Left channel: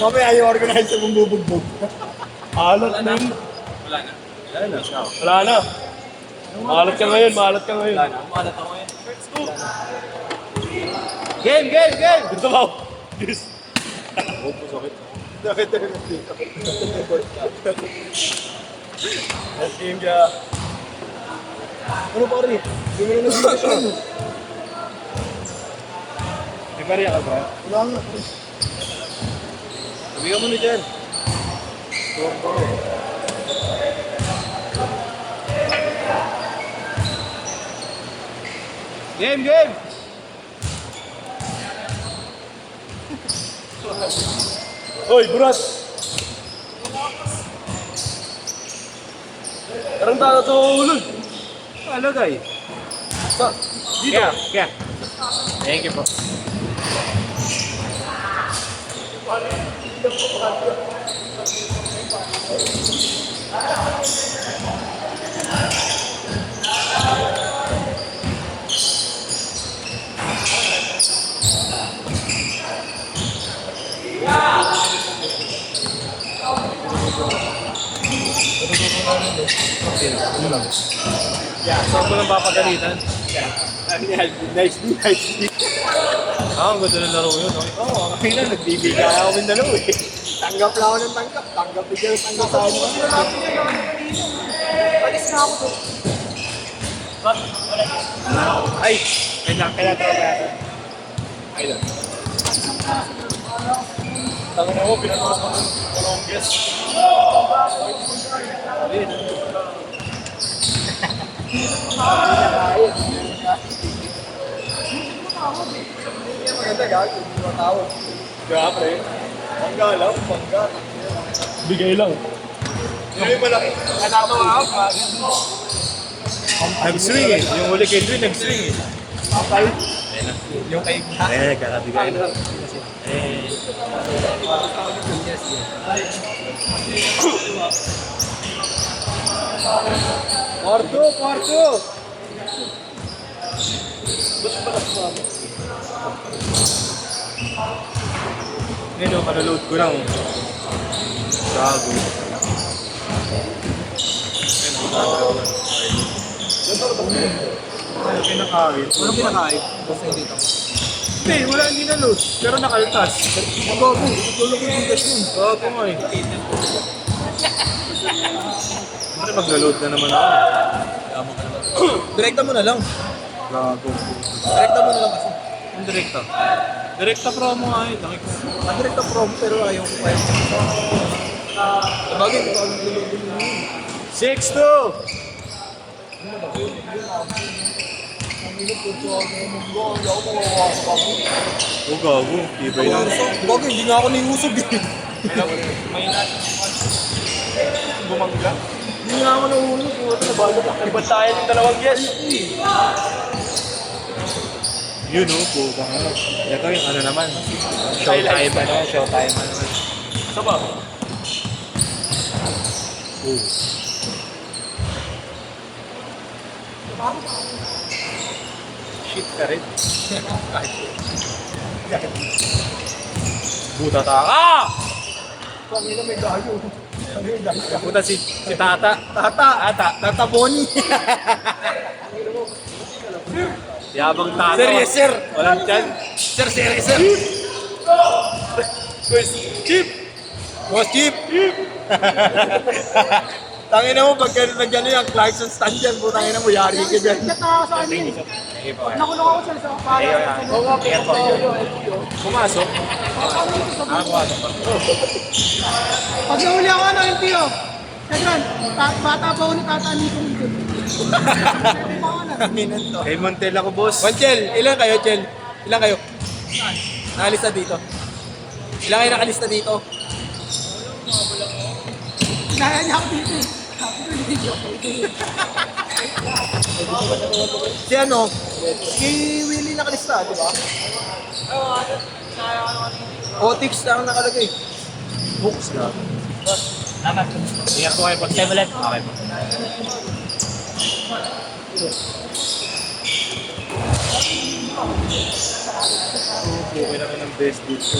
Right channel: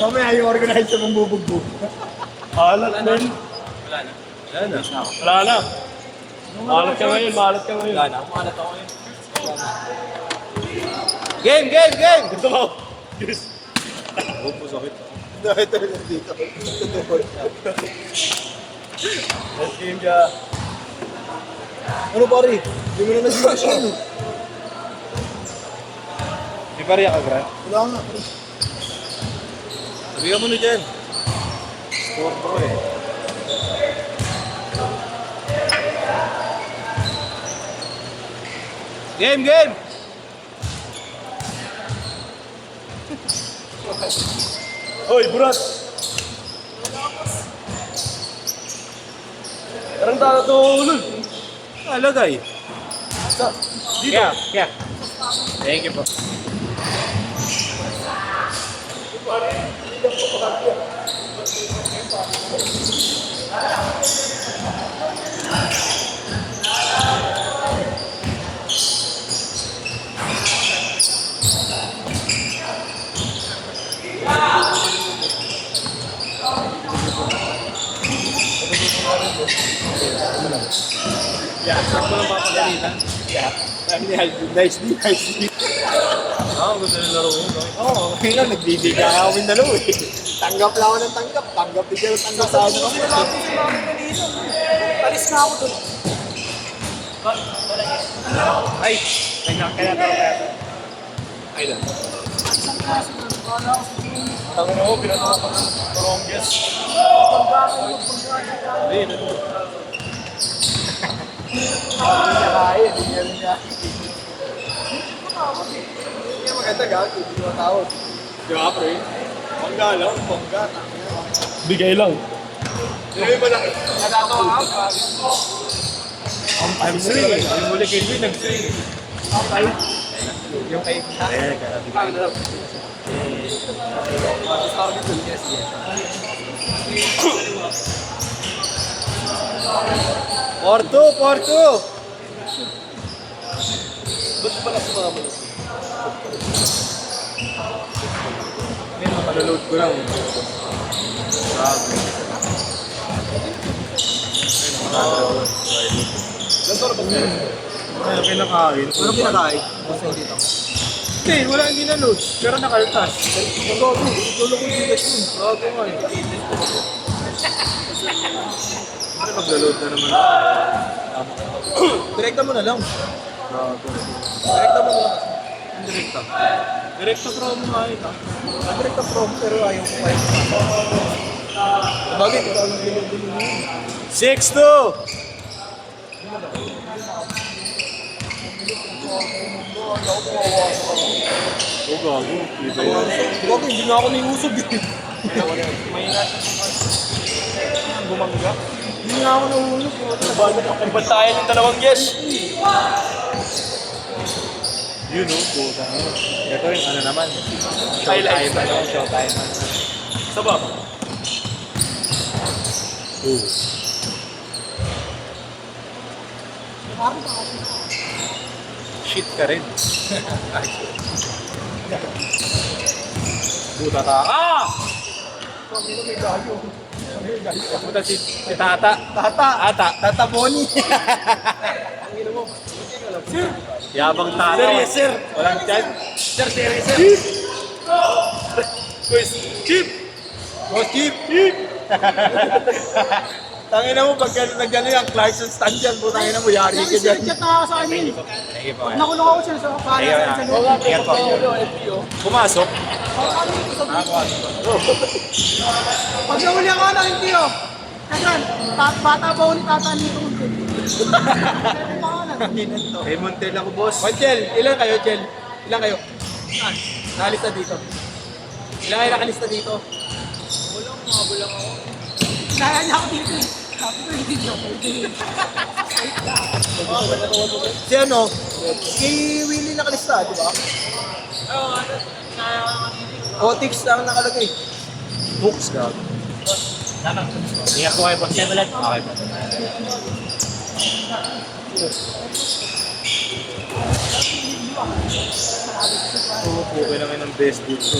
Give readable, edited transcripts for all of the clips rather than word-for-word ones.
Mamaya yung organizer mong bubugbog. Maalat na yun. Wala na. Wala na. Maalat ka ngayon, maalat ka ngayon. Wala na. Umalat ako ngayon. Game! Gusto ko. Yes. Huwag mo sakit. Dahil tayo dito. Let's game ka. Ano pare? Hindi mo na nag-iisip. May karya ka, bro? Wala nga. Sabihan mo na dyan. Game! Hoy, burat! Parang tatulog. Alagay. Dito. Kaya. Thank you po. Saan ko lang papagalitan? Nice. Gusto nang laro yun. Oo, okay lang. Nagbibigay ako ng dalaw eh. Tanggap lang ako ng tanggap. Tanggap bigyan ng tanggap sa ano kami. Palis na ako doon. Ay! Kaya tayo. Ay lang. Tangan ako, pinatulog ko ng Colombias. Hindi maganda gagawin. Hindi matawag. Di ba, pre? Pangga lang. Pangga. Bigay lang. Hindi mo lang. Nag-swing eh. Yung huli kay Swing, nag-swing eh. Okay. Yung kay Kalabigay lang. Porto! Ngayon, palalood ko lang. Gago. Ano kinakain? Walang pinakain. Basta hindi dito. Hindi, wala hindi na-load. Pero nakaltas. Tulog yung bigas yun. Gago nga eh. Pero nag-load na naman ako. Direkta mo na lang. Gago. Direkta mo na lang kasi. Ang direkta. Direkta promo nga eh. Direkta prom pero ayaw ko kayo pumasok. Sabagay, hindi ko alam din mo yun. 6-2! Oh, gago. Iba yun. Sabagay, hindi nga ako naiusog eh. May bumangga. Hindi nga ako nahulog. Iba tayo ng dalawang guest. Yun oh, puta nga. Ito yung ano naman. Showtime ano, showtime. Saba. Shit ka rin. Buta taka! Pangina may gayo. Buta si Tata. Tata Bonnie. Yabang Tata. Serious, sir. Walang chan. Sir, serious, sir. Quiz. Chip! Boss Chip. Tangina mo, pag nandiyan yung Clarkson stand dyan, putangina mo, yari ka dyan. Chat na sa akin eh. Nakulong ako sila sa mga Pumasok. Pag nahuli ako, nakikiro. Kagran, bata pa ako ni Tata nito munti. Tanginan to. Kay Montel ako, boss. Chel, ilan kayo, Chel? Ilan kayo? Nakalista dito. Ilan kayo nakalista dito? Naya niya ako dito eh. Sabi ko, hindi dito. Si ano? Si Willie nakalista, di ba? Otix ang nakalagay. Books ka. Ingat po kayo pag ulit. Okay po. Okay naman ng best dito.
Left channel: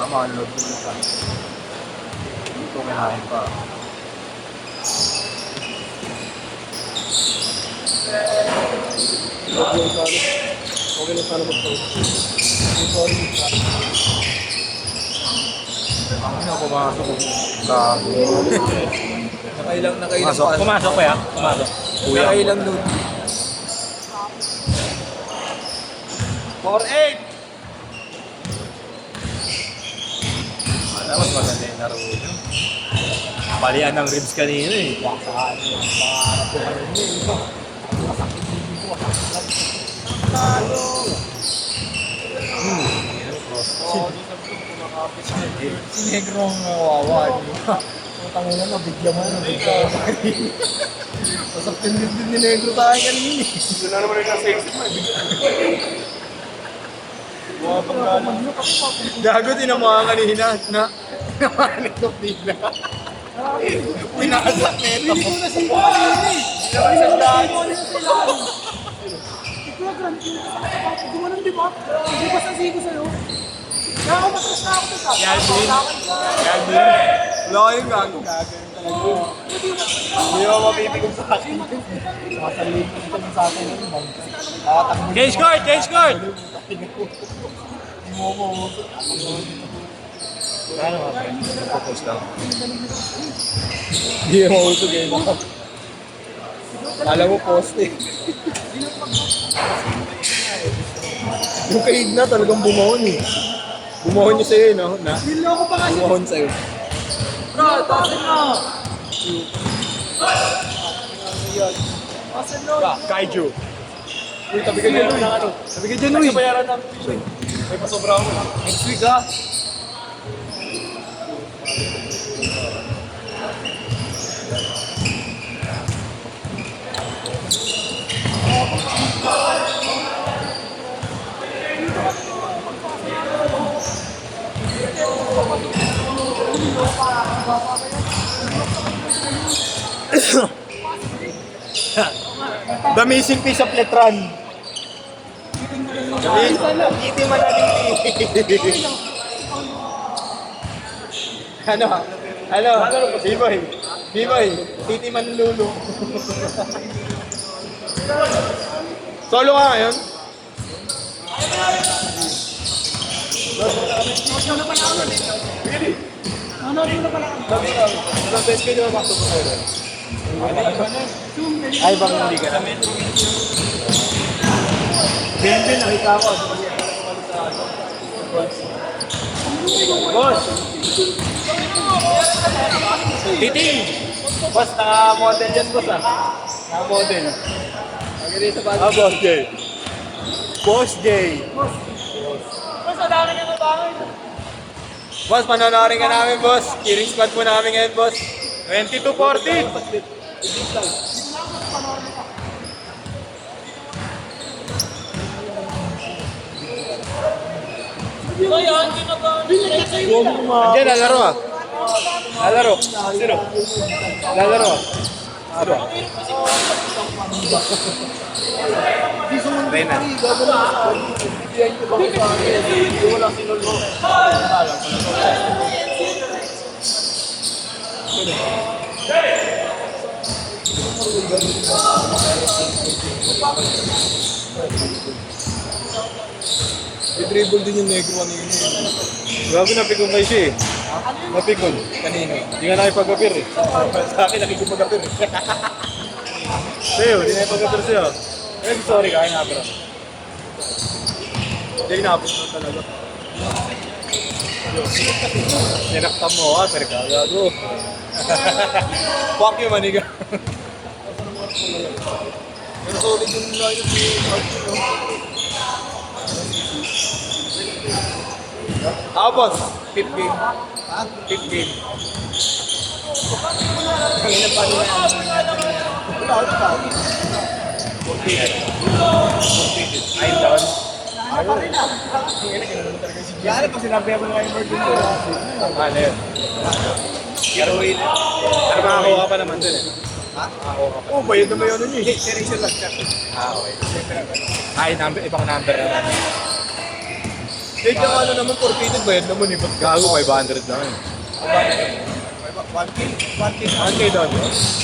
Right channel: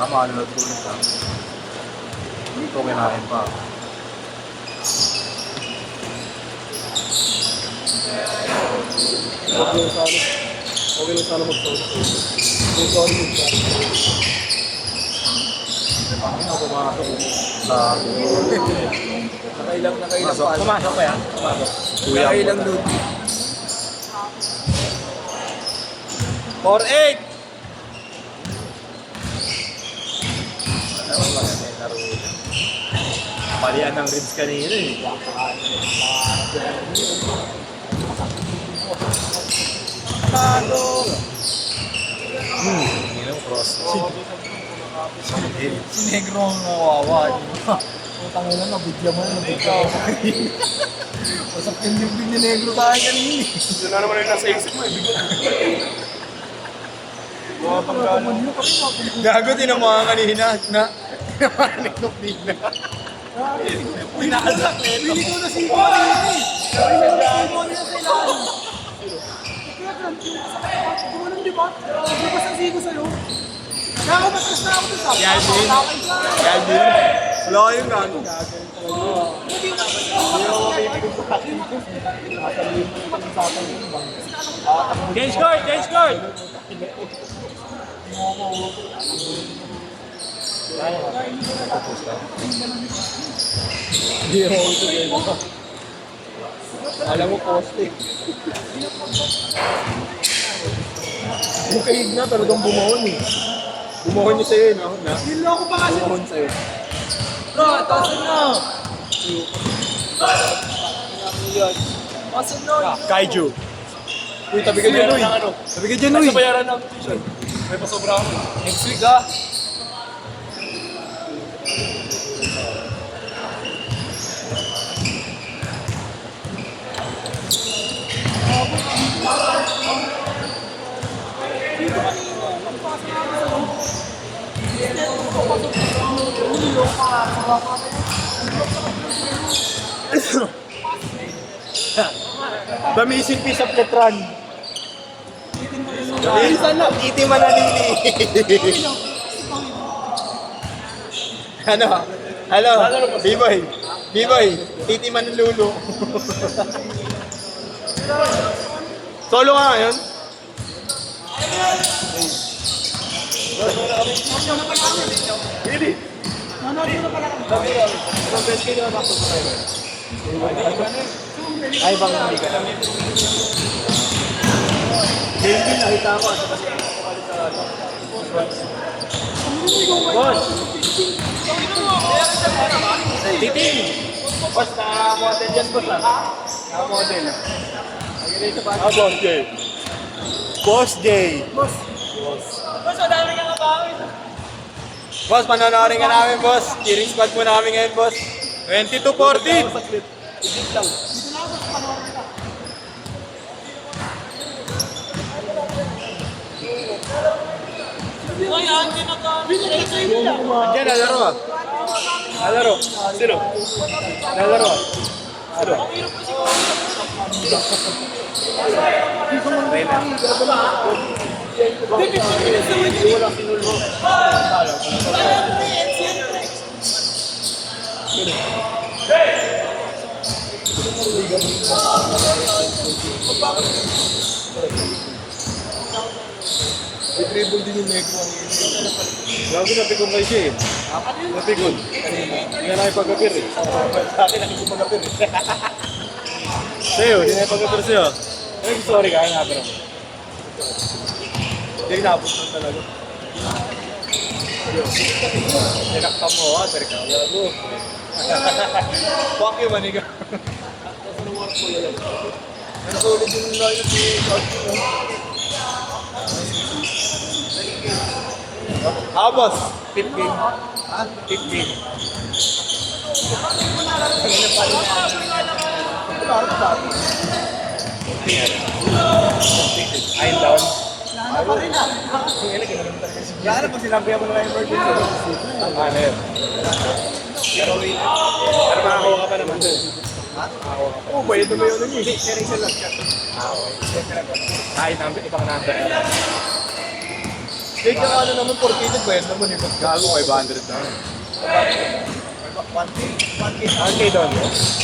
Tama, ano dito siya. Dito kinahin pa. Okay lang sana mag-post. Sorry. Ano ako mga Nakailang Pumasok pa yan. Pumasok. Kuya. Nakailang load. 4-8! Palian ng ribs kanina eh. Si Negro ang nawawa. Putang ina, nabigyan mo sa kanina. Pasok yung bibig ni Negro sa akin kanina. Yun na naman yung nasa isip mo eh. Buha pang gano'n. Gago, tinamaan kanina na tinamaan nito bigla. Pinakasak nito. Hindi ko nasimpo kanina eh. Hindi ko nasimpo kanina sa ilalim. Kaya gram, yung kasama ko, gumanon di ba? Hindi ba sasiko sa'yo? Kaya ako matras na ako sa Galvin. Wala kayong gago. Hindi mo mapipigil sa akin. Change court! Change court! Hindi mo uso din. Alam mo, post eh. Yung kahid na talagang bumahon eh. Bumahon niya sa'yo eh, no? Niloko pa kasi. Bumahon sa'yo. Bro, tasin na. Tasin na. Kaiju. Uy, tabi ka dyan, uy. Tabi ka dyan, uy. Bayaran natin. May pasobra ako. Next week, ah. The missing piece of Letran. Itim man na Ano? B-boy. B-boy. Titi man lulo. Solo ka ngayon? Ano na pala kami? Sa best video na ako sa kayo. Ay, baka hindi ka namin. Melvin, nakita ako. Boss! Titing! Boss, naka-model dyan, boss ah. Naka-model. Ah, Boss J. Boss J. Boss, panonorin ka namin, boss. Cheering squad mo namin ngayon, boss. 22-14. Diyan, lalaro ah. Lalaro. Sino? Lalaro ah. Sino? Reyna. Wala sinulo. I-dribble din yung negro ano yun. Bago napikon kayo siya eh. Napikon. Kanino? Hindi nga nakipag-apir eh. Sa akin nakikipag-apir. Sa'yo, hindi nakipag-apir siya. Eh, sorry ka, nga pero. Hindi inabot na talaga. Ninaktam mo ka, pero kaya bro. Fuck you, maniga. Pero solid yung lineup ni Archie, no? Ah, boss. Fifth game. Ha? Fifth game. I'm down. Yan, pag sinabi mo na yung birthday ko. Ano yun? Pero wait. Ano makakuha ka pa naman dun? Ha? Oh, bayad na yun niya. Seriously lang siya. Ay, number, ibang number. Date yung ano naman, portated ba yan naman eh. Gago, 500 lang. 1K doon.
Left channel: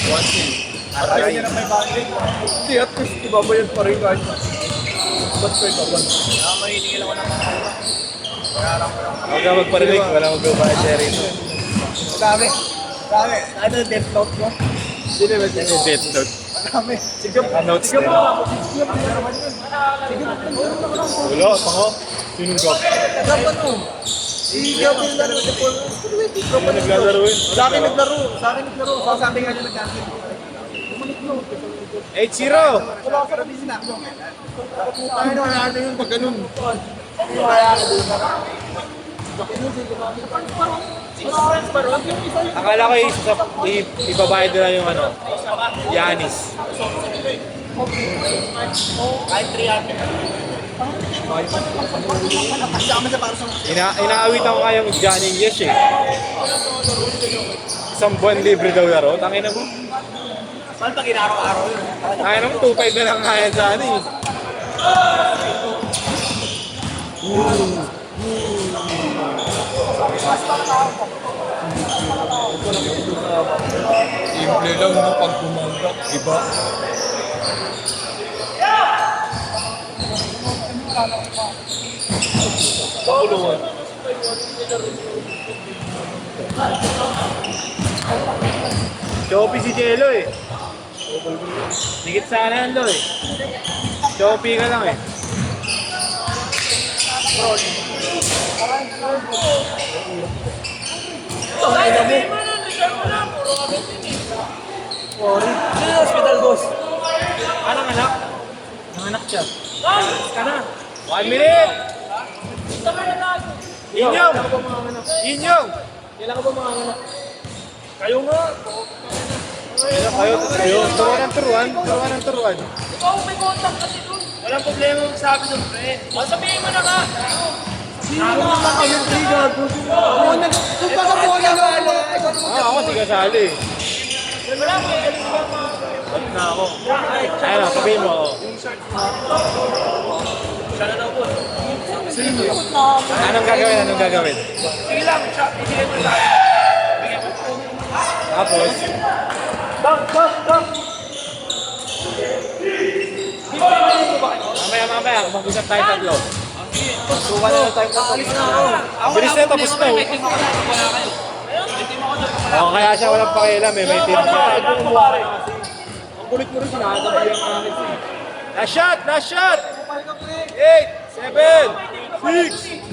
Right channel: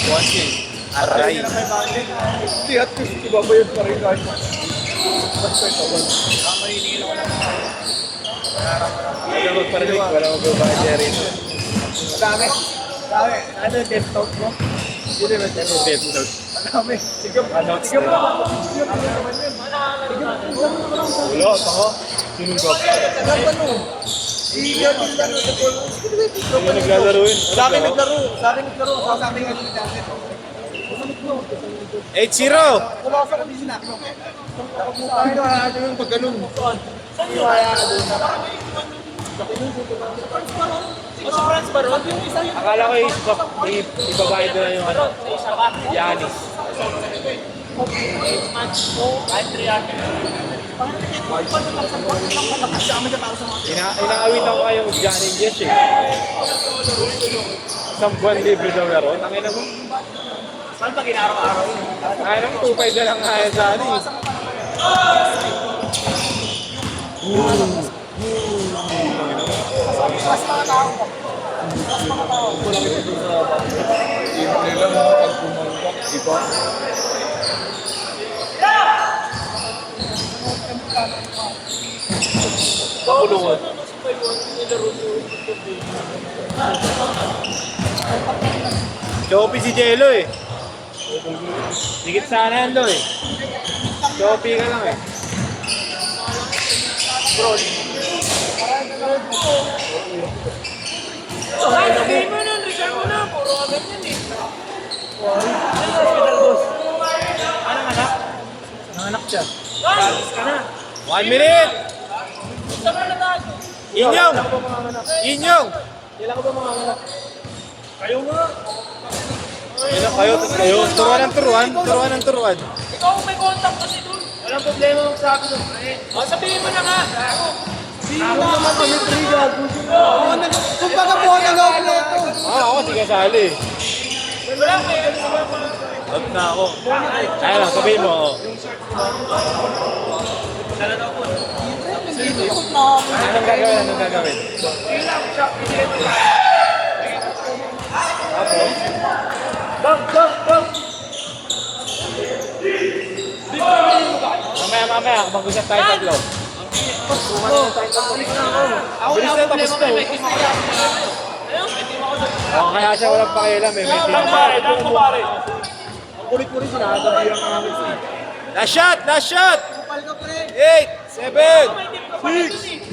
1K. Ay, Hindi, at least ibabayad pa rin kahit. wala magparinig, wala magbabayad rito. Dami. Dami. Ano yung death note mo? Hindi naman din. Death note. Dami. Sige mo. Announce Sige mo. na. Sige mo. Wala, pako. Sinugap. Dapat ano? I-gawin lang yung Depol. Ano naglalaro yun? Sa akin naglaro. Sa akin naglaro. Sa ating ano na dyan. 8-0! Wala ko sa busy na. Tayo na ano yung pag ganun. Akala ko ibabayad na lang yung ano, Yanis. Inaawitan ko nga yung Johnny Yes eh. Isang buwan libre daw laro. Tangina mo. Saan pag inaraw-araw yun? Kaya naman 2.5 na lang kaya sa ano eh. Simple lang mga pag pumunta. Iba. Pakuluan. Choppy si Jello eh. Higit sana yan daw eh. Choppy ka lang eh. Hospital boss. Anong anak? Nanganak siya. Ka na. 1 minute! Inyong! Kailan ko ba mga anak? Inyong! Kailan ko ba mga anak? Kayo nga. Kayo, turuan ng turuan. Turuan ng turuan. Ikaw may contact kasi doon. Walang problema ang sabi ng friend. O sabihin mo na nga. Sino naman kami 3 gago? Kung baka po na lang. Ako di kasali. Wag na ako. Ayun, sabihin mo ako. Sana daw po. Anong gagawin? Anong gagawin? Sige lang. Ibigay mo na. Tapos, mamaya, mag-usap tayo tatlo. Bilis na, tapos na. Kaya siya walang pakialam eh, may team. Ang kulit mo rin sinagabi ang akin siya. Last shot! Last shot! 8, 7, 6,